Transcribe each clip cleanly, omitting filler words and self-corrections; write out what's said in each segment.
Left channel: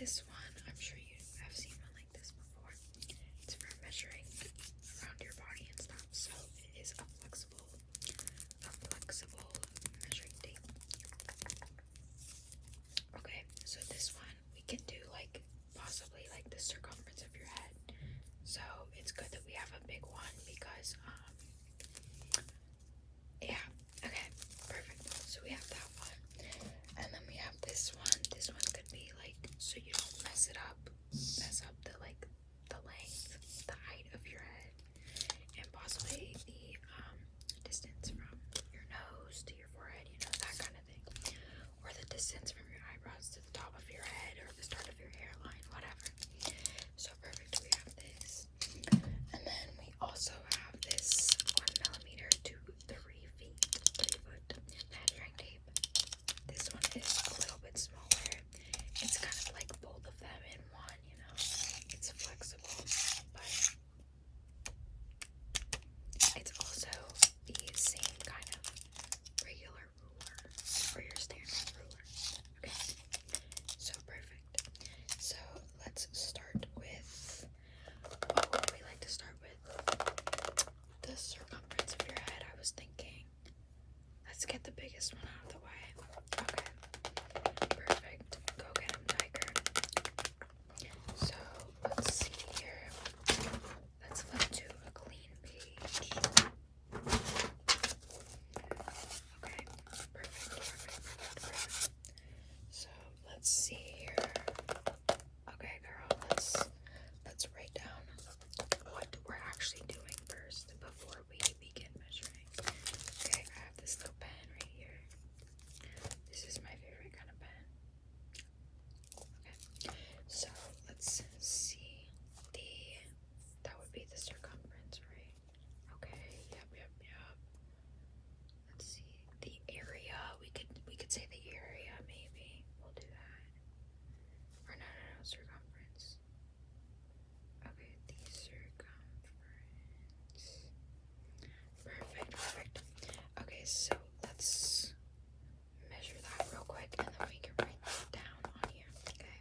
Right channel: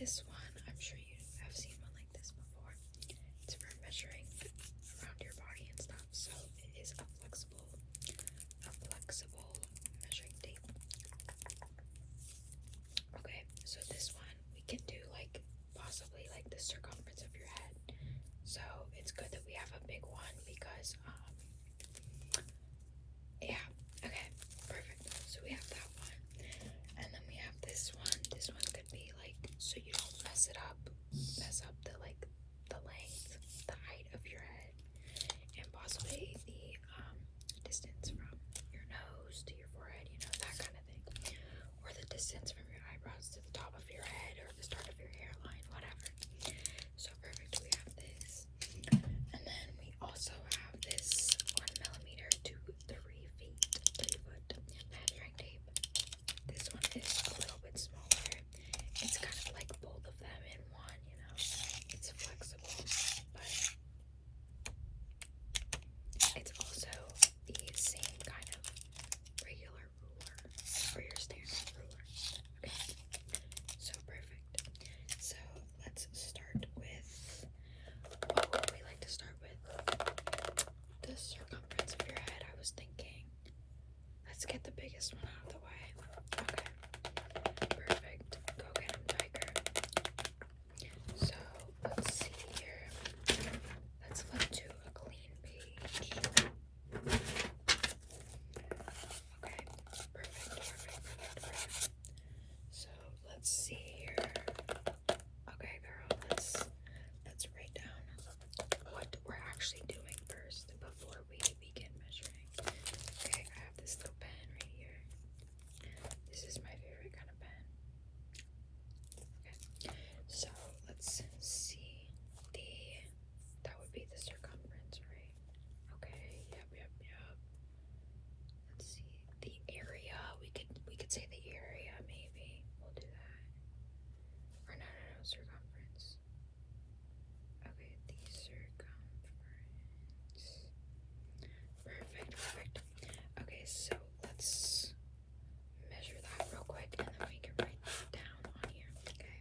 this one, I'm sure you have seen one like this before. It's for measuring around your body and stuff. So it is a flexible measuring tape. Okay, so this one we can do like possibly like the circumference of your head. So it's good that we have a big one because yeah, okay, perfect. So we have that one. And then we have this one. This one could be like so you don't mess up the like the length, the height of your head, and possibly the distance from your nose to your forehead, you know, that kind of thing. Or the distance from your eyebrows to the top of your head or the start of your hairline, whatever. So perfect, we have this. And then we also have this 1mm to 3 feet, 3 foot measuring tape. This one is a little bit smaller. It's kind of like both of them in one, you know. It's flexible, but it's also the same kind of regular ruler or your standard ruler. Okay, so perfect. So let's start with, we like to start with the circumference of your head. I was thinking, let's get the biggest one out of the way. Okay, perfect. Go get him, tiger. So let's see here. Let's flip to a clean page. Okay, perfect. So let's see here. Okay, girl, let's write down what we're actually doing first before we begin measuring. Okay, I have this little pen right here. This is my favorite kind of pen. Okay, so let's see that would be the circumference, right? Okay, yep. Let's see the area. We could say the area, maybe. We'll do that. Or no, circumference. Okay, the circumference. Perfect. Okay, so let's measure that real quick and then we can write that down on here. Okay.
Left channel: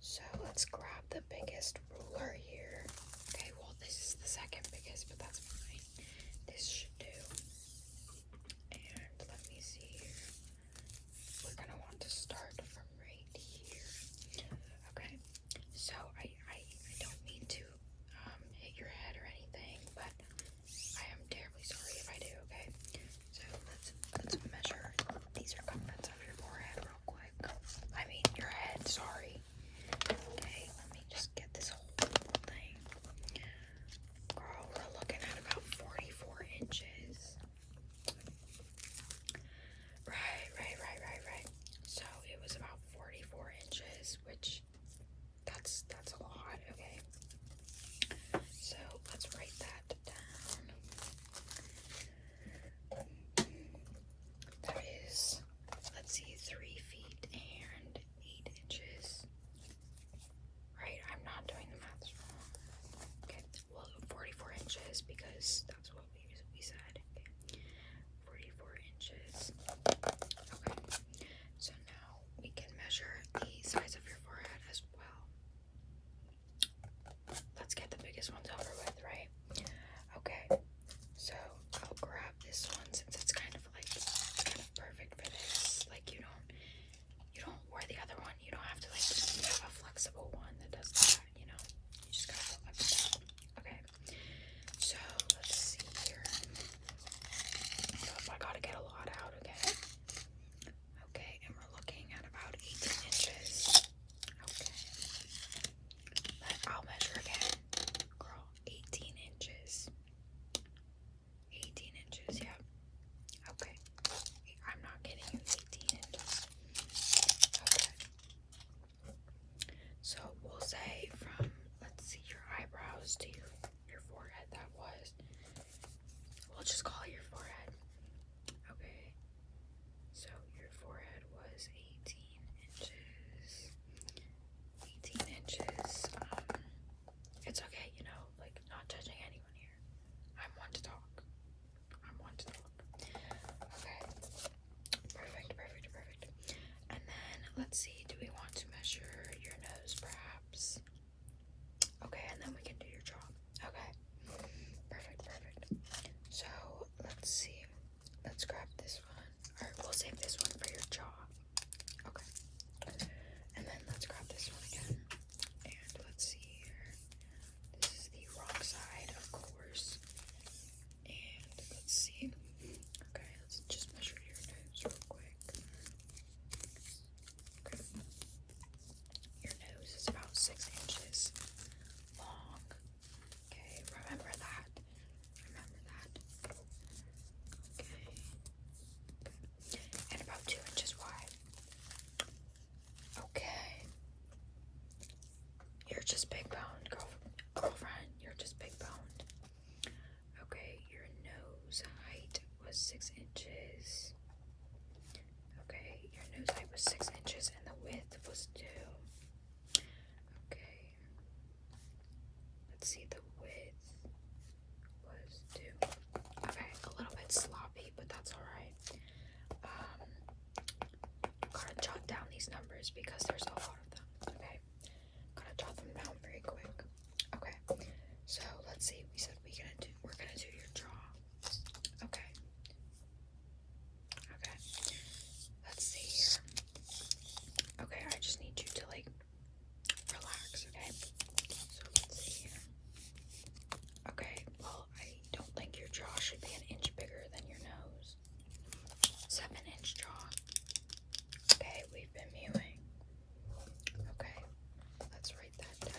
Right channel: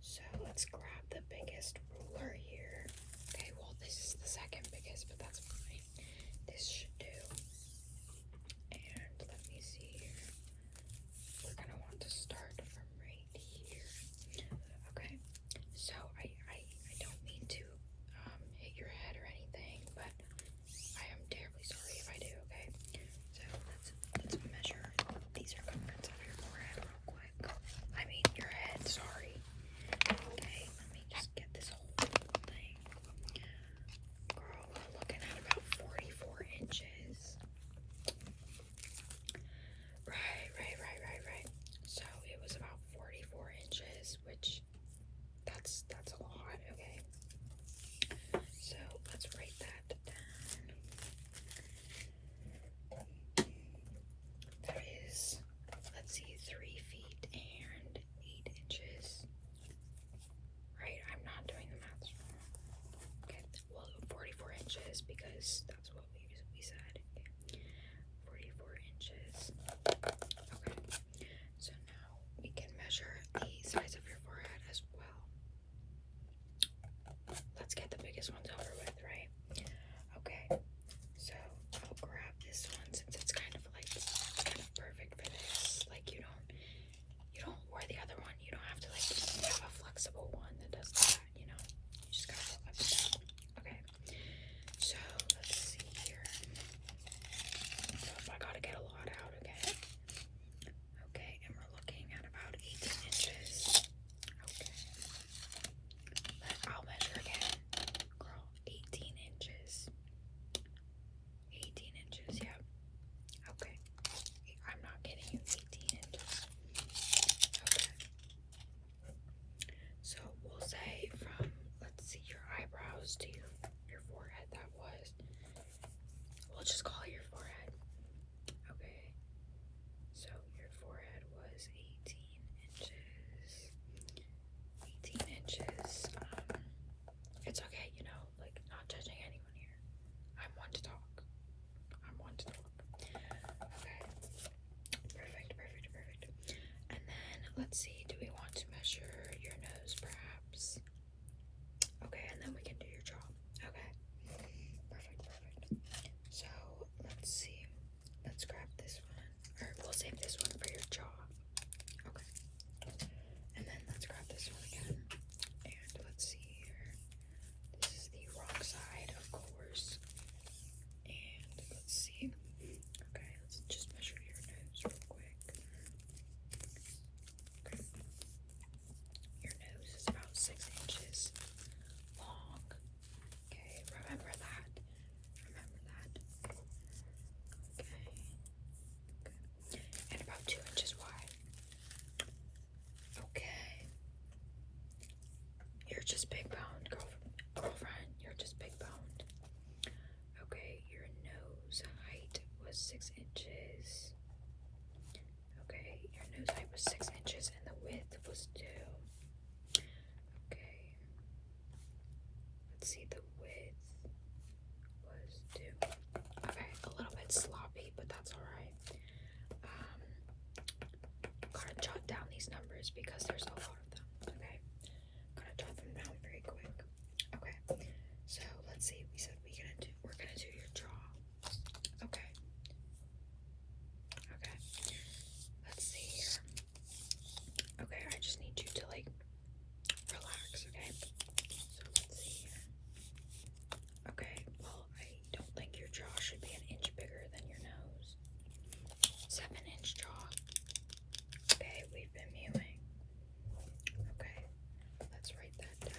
So let's grab the biggest ruler here. Okay, well this is the second biggest, but that's fine. This should do. And let me see here. We're gonna want to start from right here. Okay. So I don't mean to hit your head or anything, but I am terribly sorry if I do, okay? So let's measure the circumference of your forehead real quick. I mean your head, sorry. Okay, let me just get this whole thing. Girl, we're looking at about 44 inches. Right. So it was about 44 inches, which that's a lot, okay? So let's write that down. That is, let's see, 3 feet and 8 inches. Right, I'm not doing the math wrong. Okay, well, 44 inches because that's what we said. Okay. 44 inches. Okay, so now we can measure the size of your forehead as well. Let's get the biggest ones over with, right? Okay, so I'll grab this one since it's kind of perfect for this. Like you don't wear the other one. You don't have to like have a flexible one that does that, you know. You just gotta go like that. Okay, so let's see here. So I gotta get a lot out again. Okay, and we're looking at about 18 inches. Okay. I'll measure again. Girl, 18 inches. 18 inches, yeah. Okay. I'm not kidding you, 18 inches. Okay. So we'll say from, let's see, your eyebrows to your forehead, we'll just call it your forehead. Okay. So your forehead was 18 inches. 18 inches. It's okay, you know, like not judging anyone here. I'm one to talk. Okay. Perfect. And then let's see, do we want to measure you're just big boned, girlfriend. You're just big boned. Okay, your nose height was 6 inches. Okay, your nose height was 6 inches and the width was 2. Okay. Let's see, the width was 2. Okay, a little bit sloppy, but that's alright. Gotta jot down these numbers because there's a lot of them. Okay. Gotta jot them down very quick. Okay. So let's see. We said we're gonna do your jaw. Okay. Okay. Let's see here. Okay, I just need you to like relax, okay? So let's see here. Okay, well, I don't think your jaw should be an inch bigger than your nose. 7-inch jaw. Okay, we've been mewing. Okay, let's write that down.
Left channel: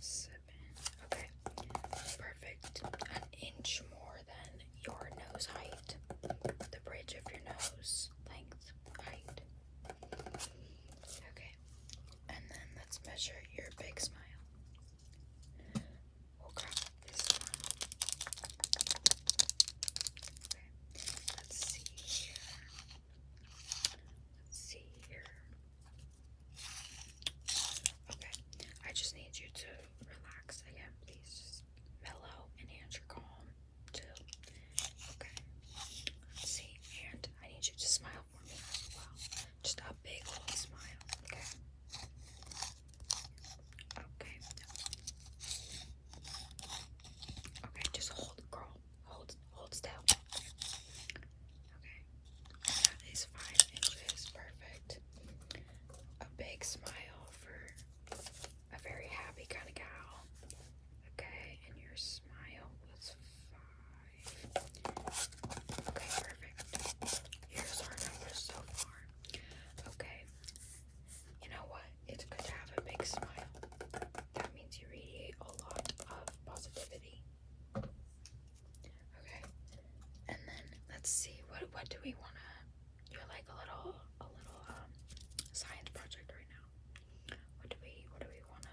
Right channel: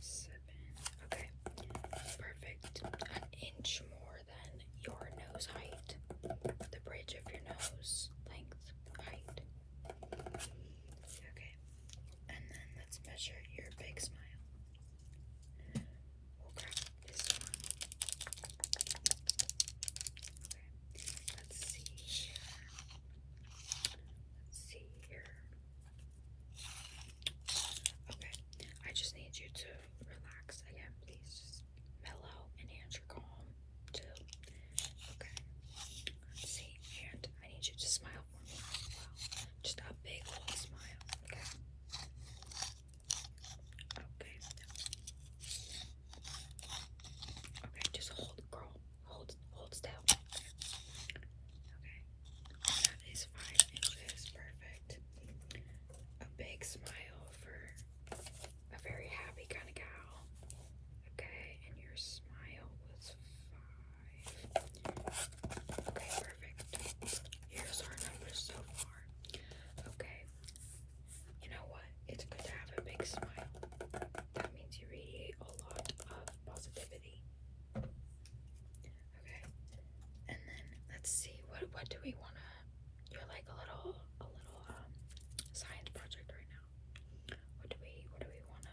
7. Okay, perfect. An inch more than your nose height. The bridge of your nose length, height. Okay, and then let's measure your big smile. We'll grab this one. Okay, let's see here. Let's see here. Okay, I just need you to relax again, please. Just mellow and answer calm too. Okay, let's see, and I need you to smile for me as well. Just a big old smile, okay? Okay. Okay, just hold, girl. Hold still. Okay. That is 5 inches. Perfect. A big smile for a very happy kind of gal. Okay, and your smile was 5. Okay, perfect. Here's our numbers so far. Okay. You know what? It's good to have a big smile. That means you radiate a lot of positivity. Okay. And then let's see, what do we wanna, you're like a little science project right now. What do we wanna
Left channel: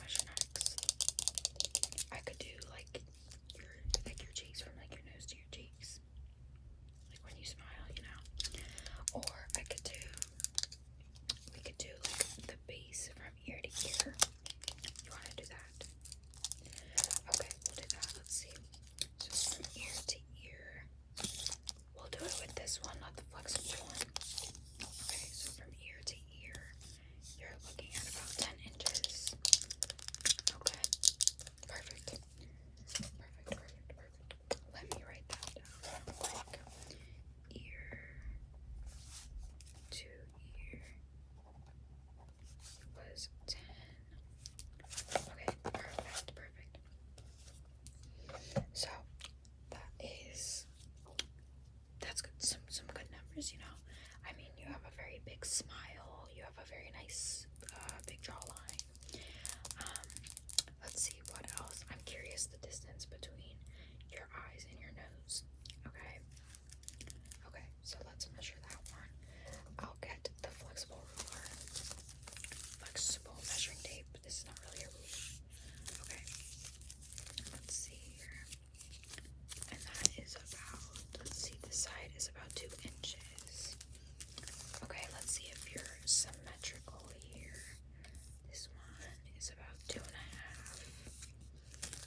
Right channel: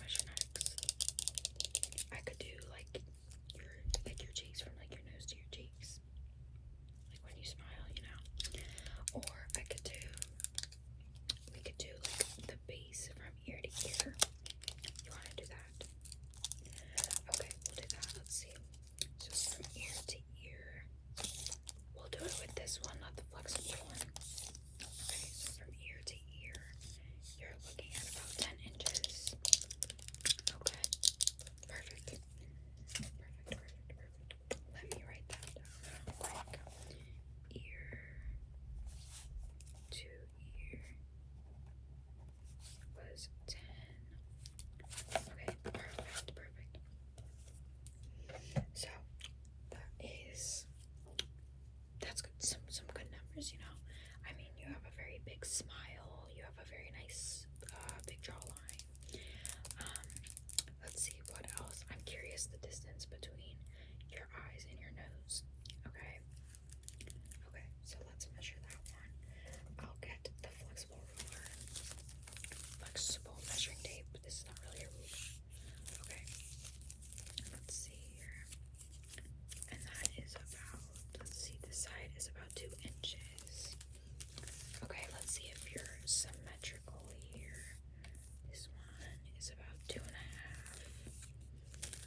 measure next? I could do like your cheeks, from like your nose to your cheeks. Like when you smile, you know. Or we could do like the base from ear to ear. You wanna do that? Okay, we'll do that. Let's see. Just from ear to ear. We'll do it with this one, not the flexible one. Okay, so from ear to ear, you're looking at about 10 inches. Okay, perfect. Let me write that down. Like ear to ear was 10. Okay, perfect. So that's good. Some good numbers, you know. I mean, you have a very big smile. You have a very nice big jawline. Let's see what else. I'm curious the distance between your eyes and your nose. Okay. Okay, so let's measure that one. I'll get the flexible measuring tape. This is not really a ruler. Okay. Let's see here. And that is about, let's see, the side is about 2 inches. Okay, let's see if you're symmetrical here. This one is about 2.5.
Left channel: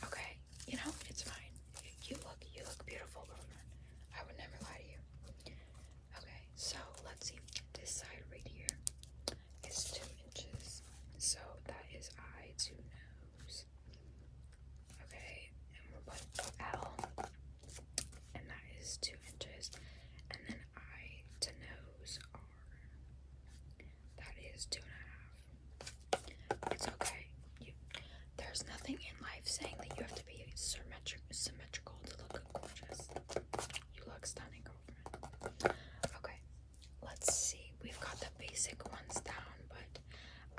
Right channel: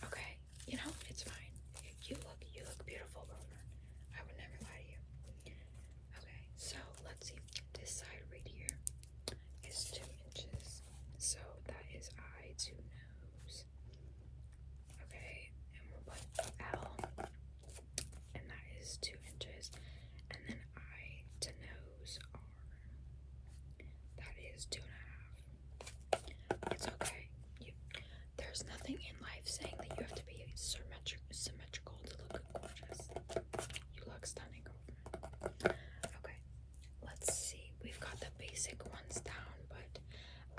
Okay, you know, it's fine. You look beautiful, girlfriend. I would never lie to you. Okay, so let's see. This side right here is 2 inches. So that is eye to nose. Okay, and we'll put L, and that is 2 inches. And then eye to nose R. That is 2.5. It's okay. There's nothing in life saying that you have to be symmetrical to look gorgeous. You look stunning, girlfriend. Okay, let's see. We've got the basic ones down, but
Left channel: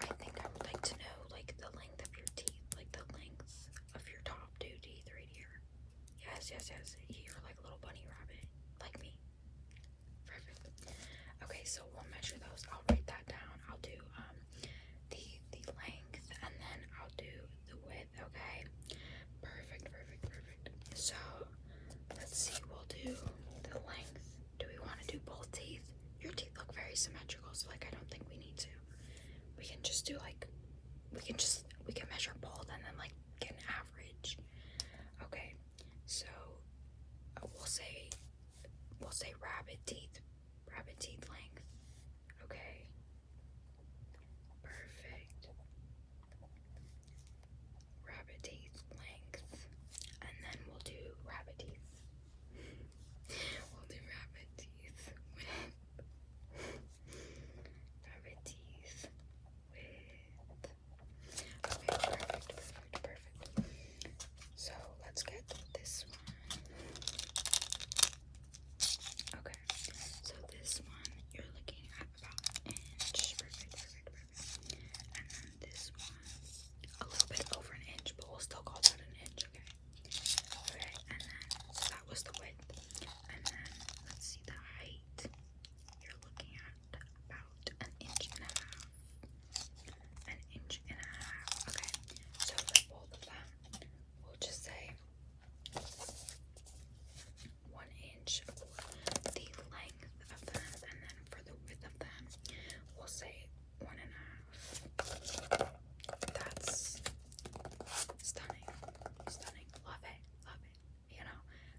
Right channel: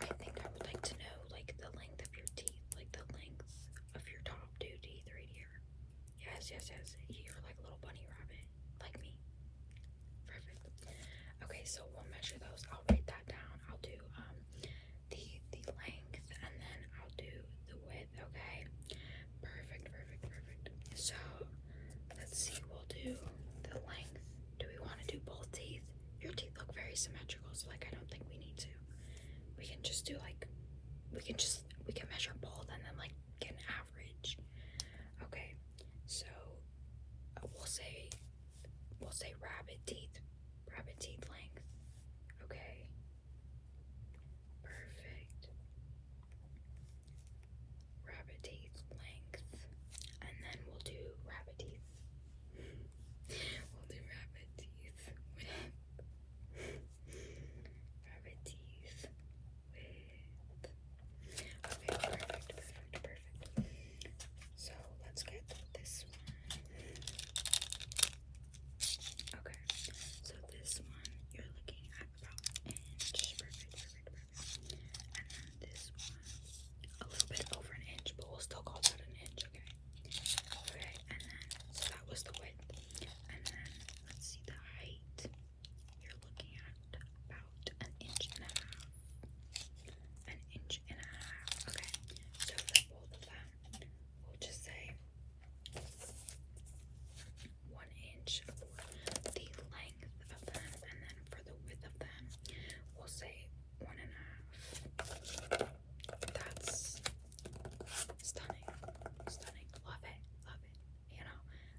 I think I would like to know like the length of your teeth, like the length of your top 2 teeth right here. Yes. You're like a little bunny rabbit, like me. Perfect. Okay, so very symmetrical, so like I don't think we need to. We can just do like we can measure both and then like get an average. Okay, so we'll say rabbit teeth length. Okay, perfect. Rabbit teeth length, and then we'll do rabbit teeth. We'll do rabbit teeth with rabbit teeth with. Okay, perfect. So let's get this one. Okay, so this one you're looking at about an inch. Perfect. And then this one a little bit over an inch, but we'll still call that an inch. Okay. Okay, and then so that was the width, and then let's see the height. You're looking at about an inch and a half. An inch and a half. Okay, so for both of them, we'll just say 1 inch for the length of them, and then for the width of them, we'll say 1.5. That's stunning. Love it. You know,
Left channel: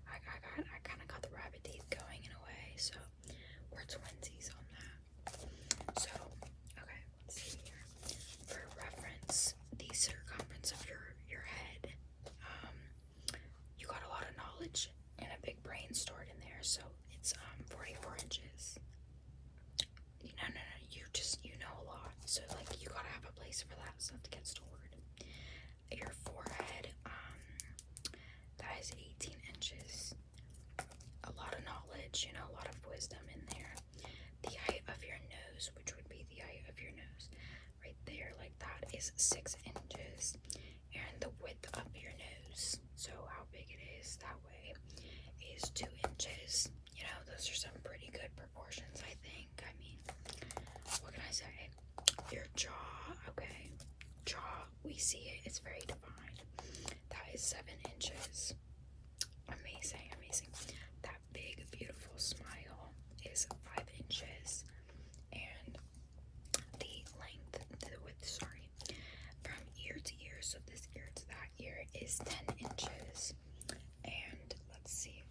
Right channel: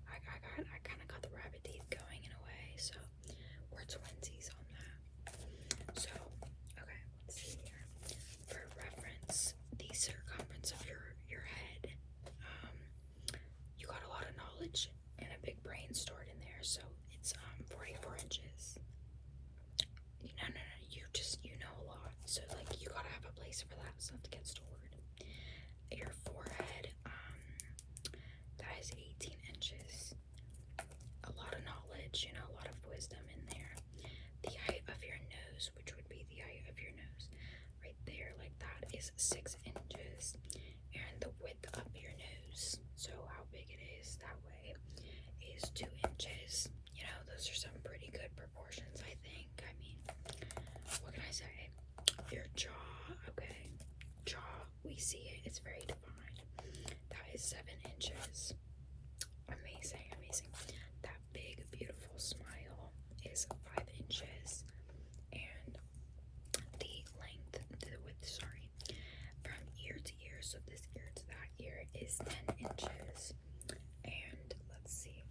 I kind of got the rabbit teeth going in a way, so we're twinsies on that. So, okay, let's see here. For reference, the circumference of your head, you got a lot of knowledge and a big brain stored in there, so it's 44 inches. No, you know a lot, so like you gotta have a place for that stuff to get stored. Your forehead, that is 18 inches. A lot of knowledge, you know, a lot of wisdom in there. The height of your nose, which would be the height of your nose, right there, like that, is 6 inches. And the width of your nose, so how big it is that way, is 2 inches. You know, those are some pretty good proportions, I think. I mean, what can I say? Your jaw, okay. Jaw, we see it, it's very defined. That is 7 inches. Amazing. That big, beautiful smile is 5 inches. And the length, the width, sorry, from ear to ear, so this ear to that ear is 10 inches. And let's see,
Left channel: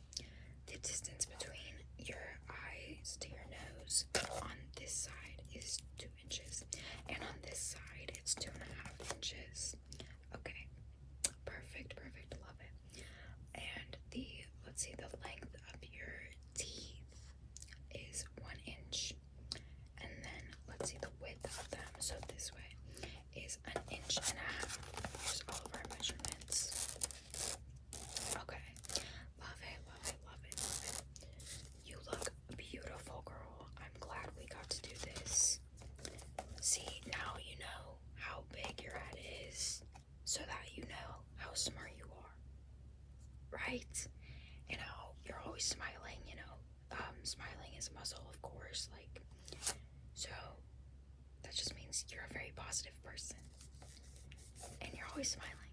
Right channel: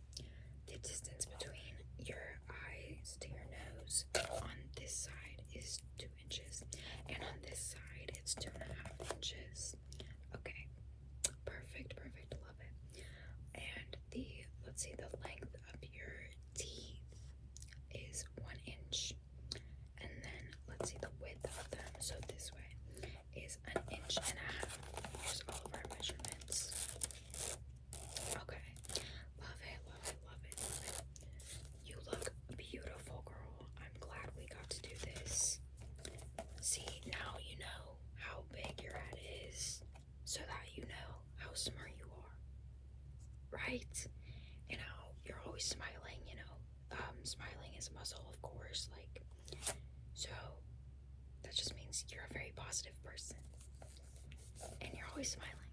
the distance between your eyes to your nose on this side is 2 inches, and on this side it's 2.5 inches. Okay, perfect, love it. And let's see, the length of your teeth is 1 inch, and then let's see the width of them, so this way is 1.5 inches. Here's all of our measurements. Okay, love it. You look beautiful, girl. I'm glad we got to do this. See, now you know how big your head is, so that you know how smart you are, right? You know, you're always smiling, you know. Smiling is a muscle, of course, like, so that just means you're a very positive person, and you're always smiling.